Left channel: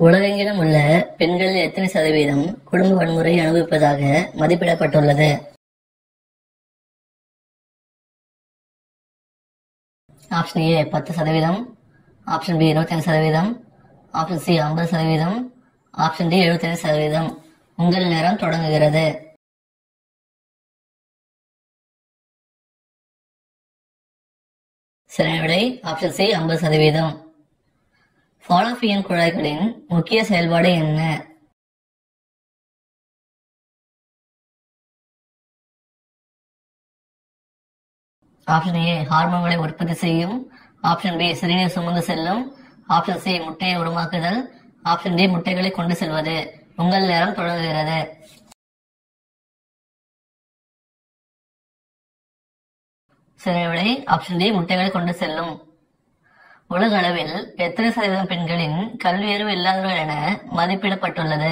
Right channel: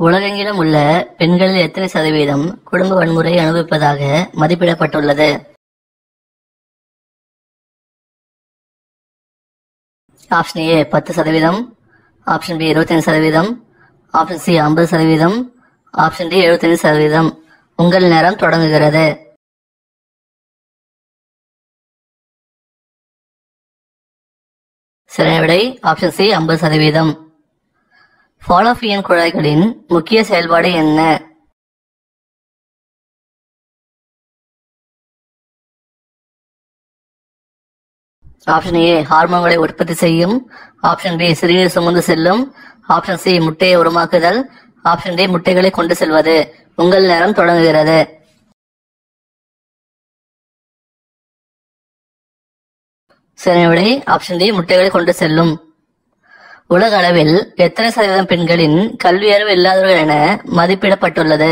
உலகெங்கிலும் உள்ள பெண்களில் எத்தனை சதவீதம் குடும்ப வன்முறை அனுபவிப்பதாக மதிப்பிடப்பட்டுள்ளது? Option A 10%, option B 25%, option C 50%, option D 75%. உங்கள் நேரம் தொடங்குகிறது. சரியான விடை ஆப்ஷன் சி 50%. ஃபாலோபியன் குழாய்களின் முக்கிய செயல்பாடு என்ன? ஆப்ஷன் ஏ ஹார்மோன்களை உற்பத்தி செய்யும், ஆப்ஷன் பி சிறுநீர் சுமந்து செல்லும், ஆப்ஷன் சி முட்டையை உருமாக்குதல், ஆப்ஷன் டி முட்டைகளை கொண்டு செல்வது. உங்கள் நேரம் தொடங்குகிறது. சரியான விடை ஆப்ஷன் டி முட்டைகளை கொண்டு செல்லும். உலக அளவில் எத்தனை சதவீதம் பெண்களின் கல்வி அறிவு இல்லாதவர்கள் என மதிப்பிடப்பட்டுள்ளது?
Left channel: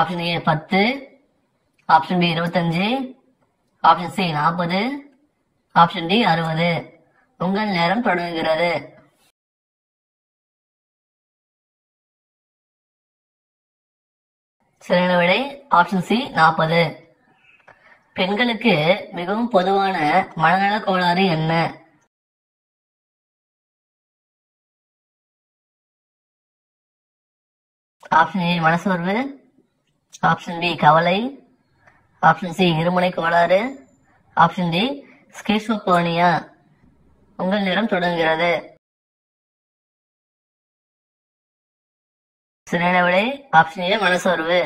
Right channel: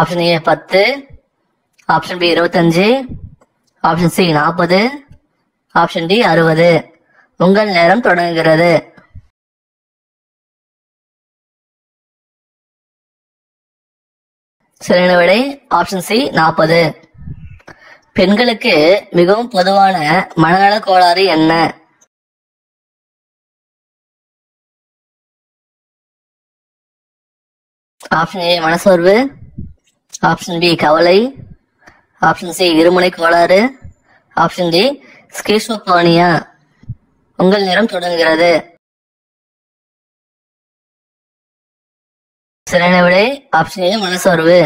Option A 10, option B 25, option C 40, option D 60. உங்கள் நேரம் தொடங்குகிறது. சரியான விடை ஆப்ஷன் சி 40. பெண்களுக்கு மிகவும் பொதுவான மனநல கோளாறு என்ன? ஆப்ஷன் ஏ மனசோர்வு, ஆப்ஷன் பி கவலை, ஆப்ஷன் சி இருமுனை கோளாறு, ஆப்ஷன் டி ஸ்கிசோஃப்ரினியா. உங்கள் நேரம் தொடங்குகிறது. சரியான விடை ஆப்ஷன் ஏ மனசோர்வு.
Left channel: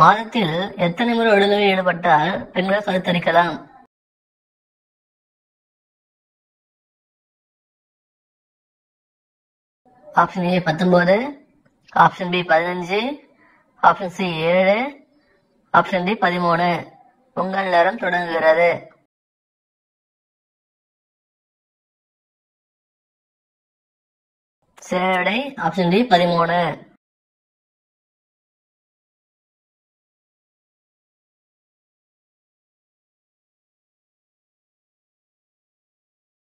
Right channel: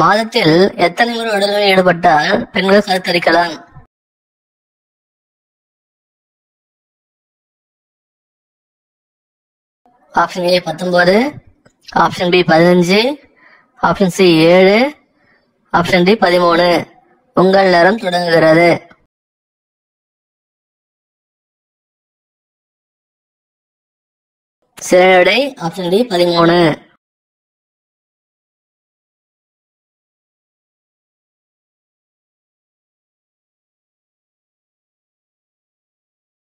மாதத்தில் எத்தனை முறை உடலில் ஈடுபட்டால் பெண்கள் கருத்தரிக்கலாம்? Option A 19, option B 15, option C 7, option D 13. உங்கள் நேரம் தொடங்குகிறது. சரியான விடை ஆப்ஷன் டி 13.